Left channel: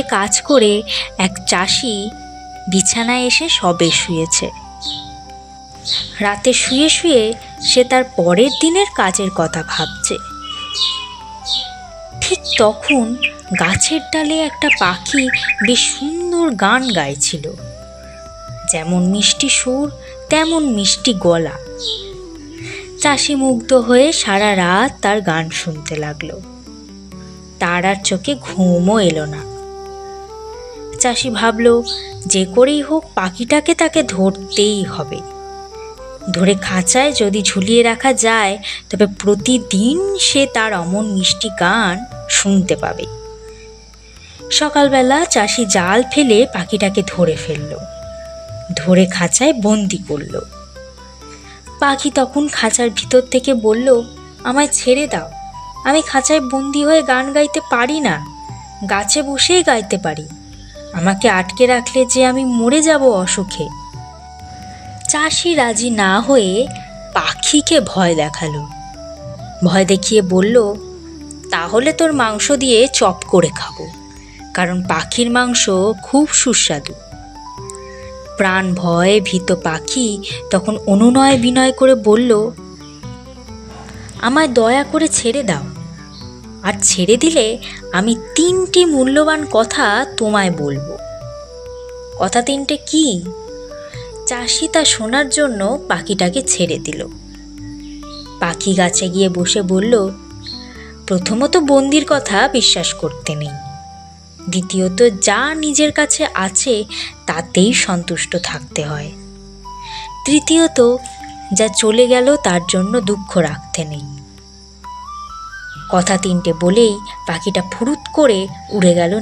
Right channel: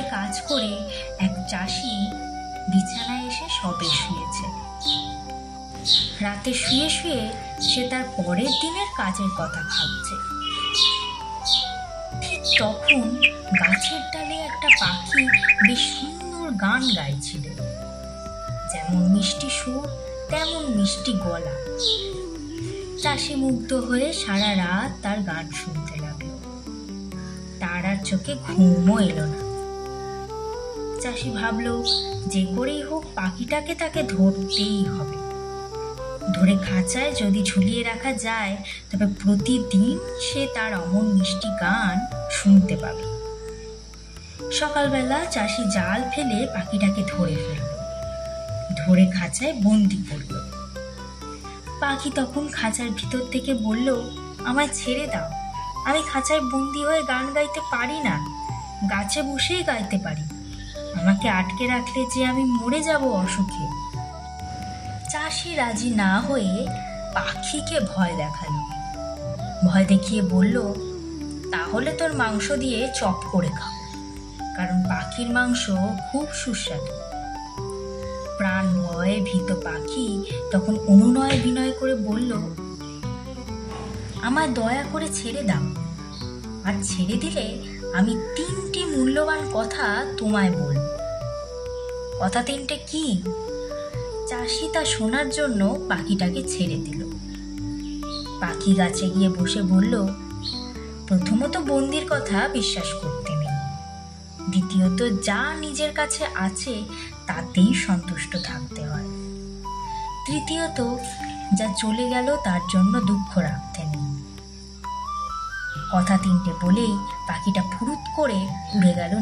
মাঠে কাজ করে এক চাষি বিছানায় এসে সবে শুয়েছে। রাতে শুয়ে শুয়ে সে তার পরের দিনের কাজের কথা ভাবছে। ঠিক তখন গাছের ডালে একটা পাখি বেশ সুন্দর গান গাইছিল। যেমন মিষ্টি সুর তেমন মিষ্টি গলা। চাষি মুগ্ধ হয়ে সারা রাত তার গান শুনতে লাগলো। তার আর চোখে ঘুমও এলো না। চাষি ভাবলো যে করেই হোক পাখিটাকে তাকে ধরতেই হবে। ধরে খাঁচায় যদি ঝুলিয়ে রাখা যায় তবে প্রতিদিন সে তার অমন মিষ্টি গান শুনতে পাবে। সকালবেলা চাষি জাল ফেলে পাখিটাকে ধরে ফেলল, ধরে খাঁচায় বন্দি করল। পাখি তখন খাঁচার ভিতর থেকে বলল, আমায় ছেড়ে দাও, আমি খাঁচায় বন্দি হয়ে গান গাইতে পারি না, গাছে বসেই গাইতে পারি, আমাকে আটকে রাখলে যে আমি মরে যাব অসুখে। চাষি রাজি না হয়ে পাখিকে ভয় দেখালো। ভয় দেখিয়ে বলল, তাহলে তোর মাংস দিয়ে চপ করে খাবো, কারণ পাখির মাংস খুব সুস্বাদু। প্রাণ ভয়ে ভীত পাখি তখন অনুনয় বিনয় করে বলল, আমায় দয়া করে ছেড়ে দাও, আর ছেড়ে দিলে আমি 3টি মূল্যবান কথা তোমায় বলবো। কথা 3টে কি? চাষি তা শোনার জন্য পাখিটাকে ছেড়ে দিল। পাখি গাছে গিয়ে বসে বলল, প্রথমত বন্দির কথা বিশ্বাস করতে নেই, দ্বিতীয়ত যা নিজের কাছে আছে তাতেই সন্তুষ্ট থাকতে হয়, তৃতীয়ত যা চলে গেল তার জন্য দুঃখ রাখতে নেই। কথা 3টে বলেই পাখিটা ফুরুত করে উড়ে গেল।